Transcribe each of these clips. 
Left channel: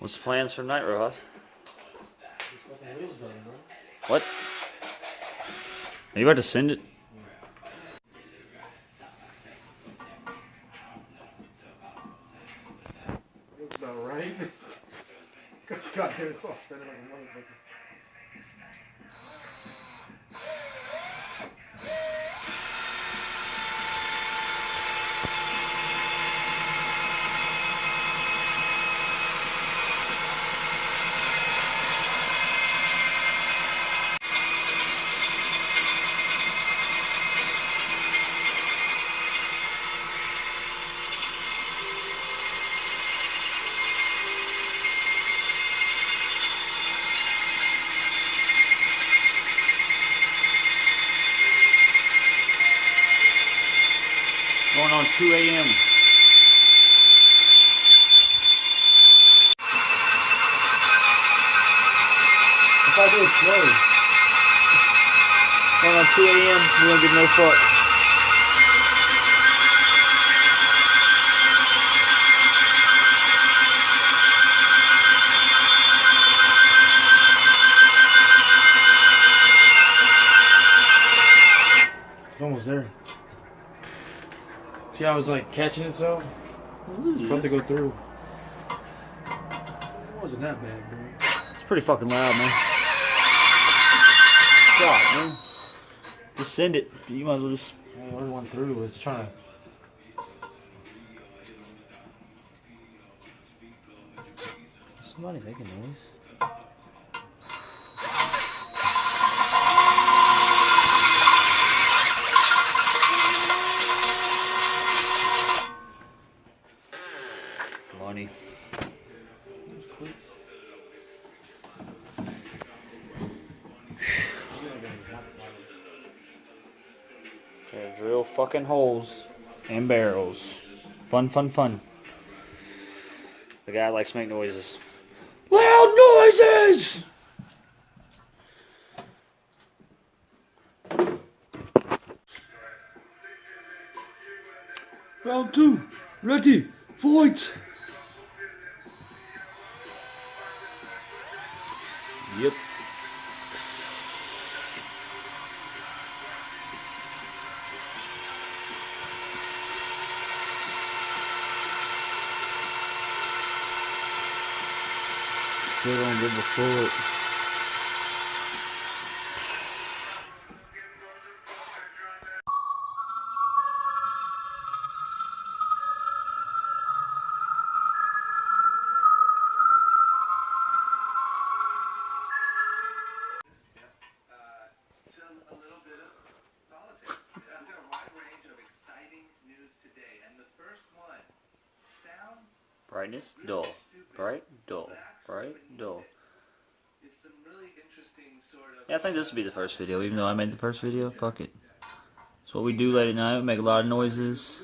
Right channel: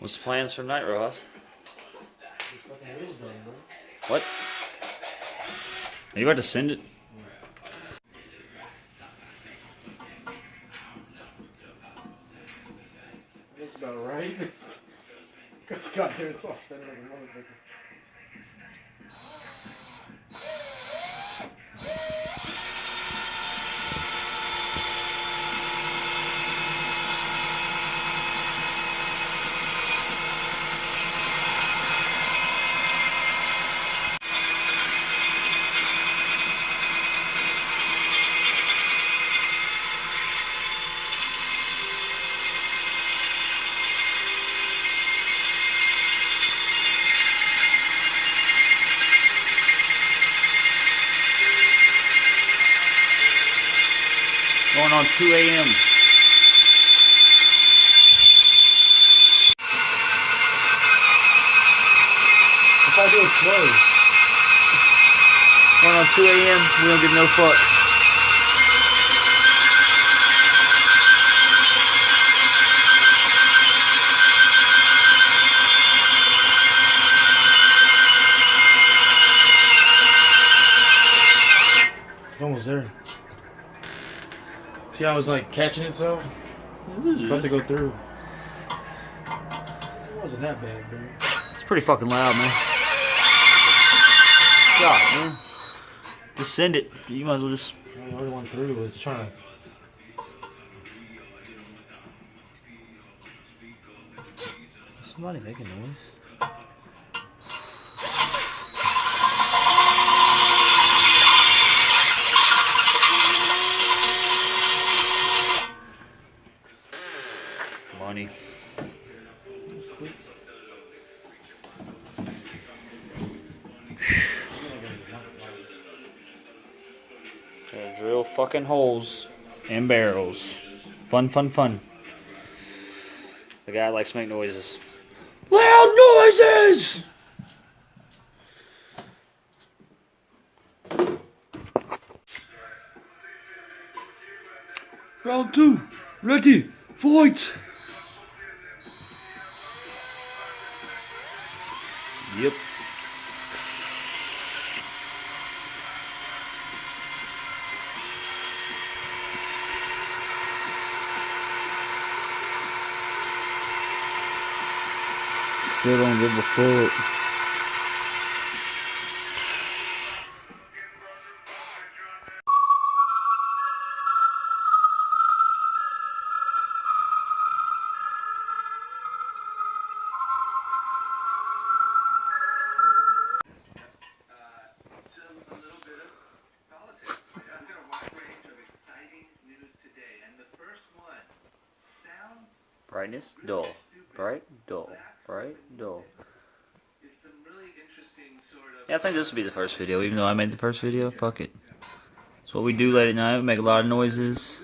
What's the plans for tonight, Rojas? What? Are you about to send it? Looks about right. God damn, it's all standing like a motherfucker. Going on 2 a.m. If I do it slow. Going on 2 a.m. We don't give no fucks. It's almost there. See how I was like catching itself? It's about to go through. It wasn't that bad, bro. It's pretty fucking loud, man. God, man. Just send it. You might as well just... I already went through. It's trying to... Somebody making noise. Money. Gotta drill fucking holes and barrels. Fun, fun, fun. The guy likes to make noises. Loud noises! Round 2. Ready. Fight! Yep. Still don't give a fuck. Brightness, dull. Bright, dull. Bright, dull. Yeah, I think this will be the first video, even though I made the first video. Fuck it. That's what we do late at night. We make a lot of noises.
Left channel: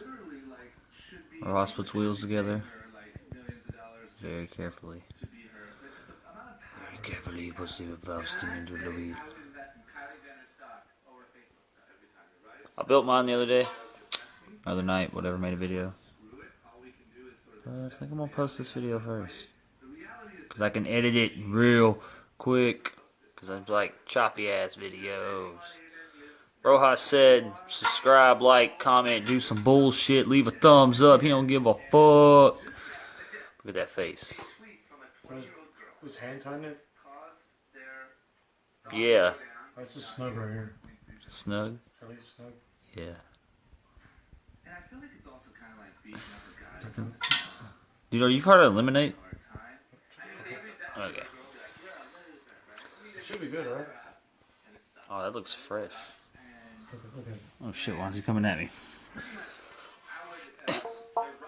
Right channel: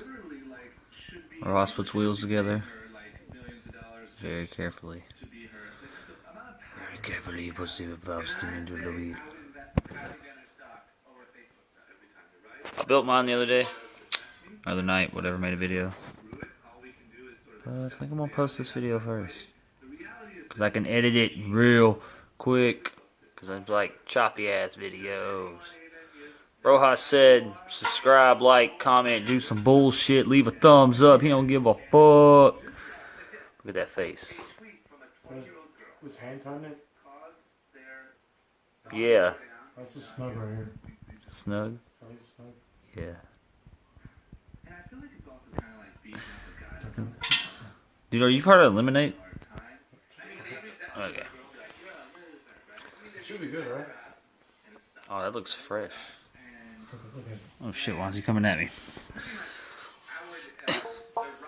Our horse puts wheels together. Very carefully. Very carefully he puts the valve stem into the wheel. I built mine the other day. Other night, whatever, made a video. But I think I'm gonna post this video first. Cause I can edit it real quick. Cause I'm like choppy ass videos. Rojas said, subscribe, like, comment, do some bullshit, leave a thumbs up. He don't give a fuck. Look at that face. Was hand tying it? Yeah. That's just snug right here. Snug? At least snug. Yeah. Dude, are you part of Eliminate? Okay. It should be good, right? Oh, that looks fresh. Okay. Oh shit, why is he coming at me?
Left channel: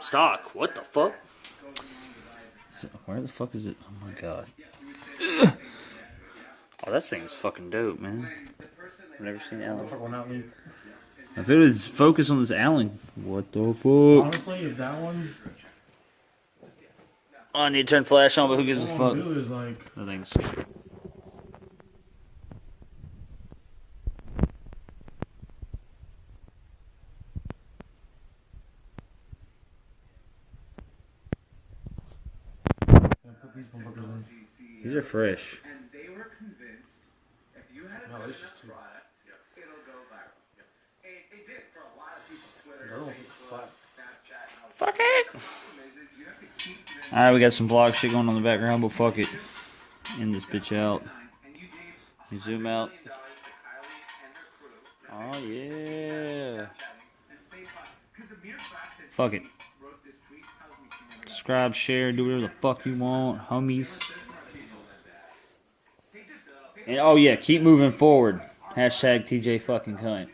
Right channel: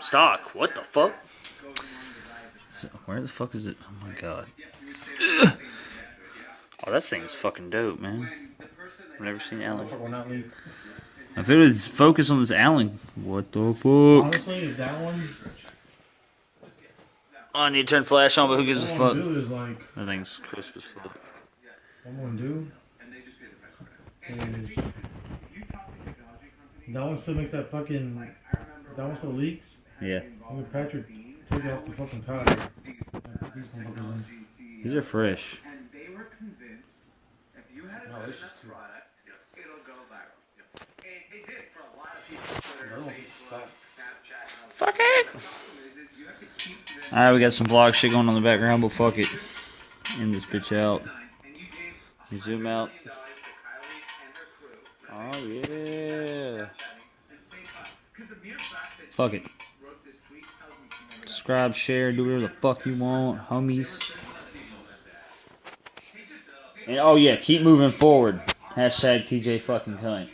Stock, what the fuck? Where the fuck is it? Oh my god. Oh, that thing's fucking dope, man. I've never seen Allen. If it was focused on this Allen, what the fuck? Honestly, if that one... Oh, I need to turn flash on, but who gives a fuck? What I'm gonna do is like... That thing's crisp as fuck. What I'm gonna do... That one still makes that fucking... That one still leaks? Yeah. I'm gonna Patrick take it off the fucking tire and put These are fresh. No, this is too. Fuck it! Alright, we got some vlog shit going on in the background, but fuck it. End this bitch out. You zoom out. Oh yeah. Fuck it. Subscribe, share, do whatever the fuck you want, homies. And oh yeah, keep moving forward. Hashtag TJ fucking cunt.